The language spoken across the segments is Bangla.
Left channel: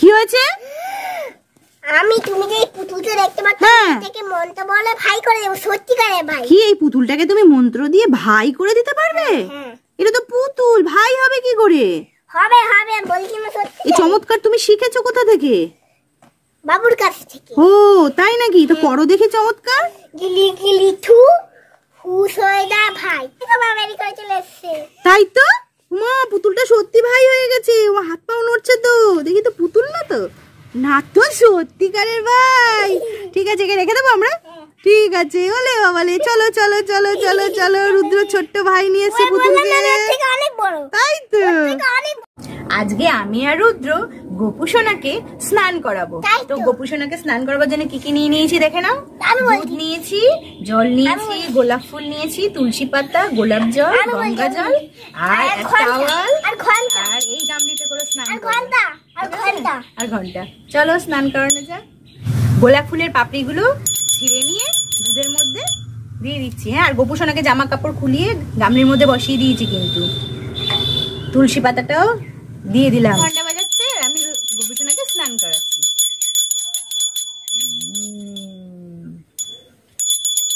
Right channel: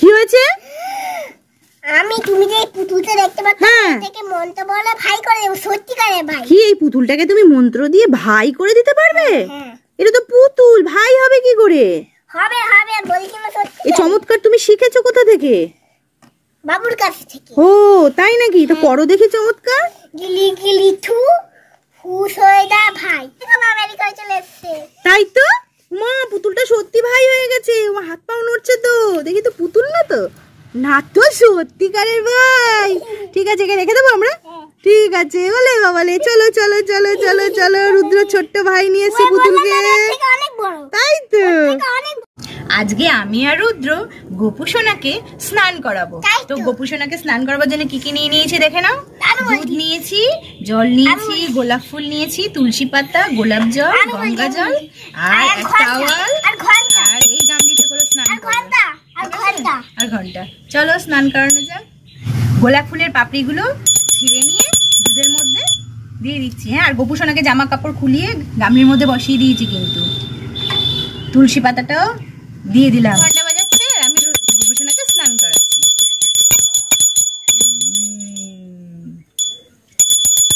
কি হয়েছে? আমি তুমি যে পুতুলটা দেখতে পাচ্ছ থেকে মন্ত্র বলে ভাই করে দেব। সত্যিকারে ভাই। কি এই পুতুলটাকে তুমি মন্ত্র দিয়ে ভাই করে দিতে পারবে? এটা তো পুতুল, ভাই হবে কি করে? হবে হবে বলছি না সত্যি। এই চমৎকার তুমি শিখেছো কোথা থেকে? বাবুর কাছ থেকে। ও তাই নাকি? তো করো দেখি চমৎকার। গিলি গিলি থু হুস হয়ে যা ভাই। এটা বাবারই করে চলে এসেছে। তাই তো মা, পুতুলটা সত্যি ভাই হয়ে গেছে। ও হাত পাও নড়ছে তো, দেখি তো পুতুল না তো, না তো সত্যিকারের ভাই। ঠিক আছে, একে রেখে দেবো আমরা? ঠিক আছে। বলে বাবালে চলো চলো চলো চলো চলো, রুদ্র ছোট্ট ভাই নিয়ে এসে পুতুলকে। তাই তো আজকে আমি আর রুদ্র গোপু সোনাকে স্নান করাবো। তো গোপু সোনাকে স্নান করাবার জন্য কি কি নিয়ে নিয়েছি দেখে নাও। দুধ নিয়েছি, জল নিয়েছি, গোলাপ ফুল নিয়েছি, তুলসী পাতা, গোলাপ জল, গঙ্গা জল আর টাওয়াল আর এই গামলিতে করে স্নান আর ঘন্টা। চলো স্নান করানো যাক। গোলাপ ফুলের পাপড়িগুলো ছিঁড়ে নিয়ে দুধের মধ্যে দিয়ে দিচ্ছি। হ্যাঁ, আর গোপু সোনাকে জামা কাপড় খুলিয়ে গামলির মধ্যে বসিয়ে দিয়েছি, কিন্তু তুলসী পাতাটাও দিয়ে দিলাম। ঘন্টা বাজাচ্ছে আর আমি গোপু সোনাকে স্নান করাচ্ছি।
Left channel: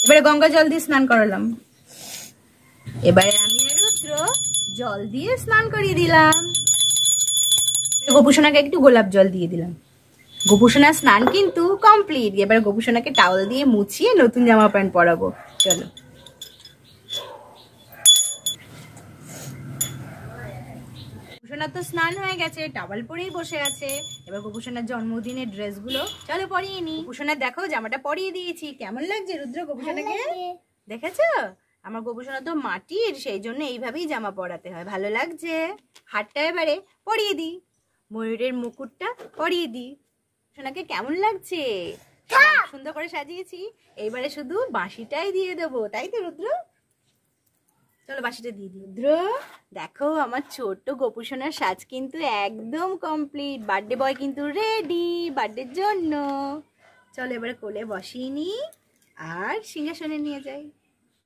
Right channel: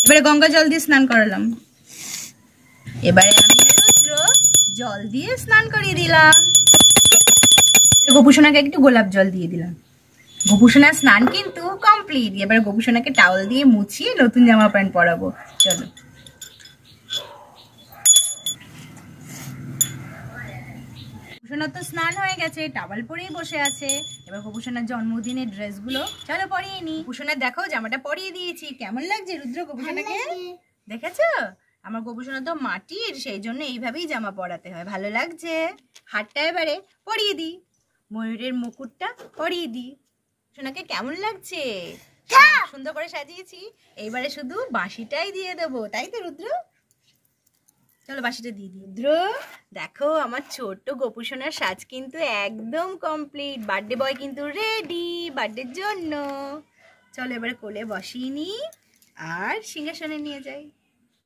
এবারে গঙ্গা জল দিয়ে স্নান করালাম। এবারে আমি আর রুদ্র জল দিয়ে স্নান করিয়ে দিলাম। গোপু সোনাকে একটু গোলাপ জল দিয়ে দিলাম। গোপু সোনার স্নান কিন্তু কমপ্লিট। এবার গোপু সোনাকে টাওয়াল দিয়ে মুছিয়ে নতুন জামা প্যান্ট পরাবো। চলো। গোপুসোনার তো স্নান হয়ে গেছে, টাওয়াল পরেই বসে আছে। এবার গোপুসোনার জন্মদিনের ড্রেসগুলো চলো পরিয়ে নি। গোপুসোনার দেখো জামাটা পরিয়ে দিয়েছি। কেমন লাগছে রুদ্র গোপুসোনাকে? দেখেছো? আমার গোপুসোনা তো মাটির, সেই জন্য এইভাবেই জামা পরাতে হয়। ভালো লাগছে? হাতটা এবারে পরিয়ে দিই, ময়ূরের মুকুটটা পরিয়ে দিই। সোনাকে কেমন লাগছে? সুন্দর করে সাজিয়েছি। এইবারে শুধু বাঁশিটাই দিয়ে দেবো, তাই তো রুদ্র? চলো বাঁশিটা দিয়ে দিই। রুদ্র দেখো আমার ছোট্ট গোপু সোনার সাজ কিন্তু একদম কমপ্লিট। বার্থডে বয় কিন্তু রেডি বার্থডের জন্য। চলো এবারে কোলে বসিয়ে নি আর সিংহাসনে নিয়ে যাই।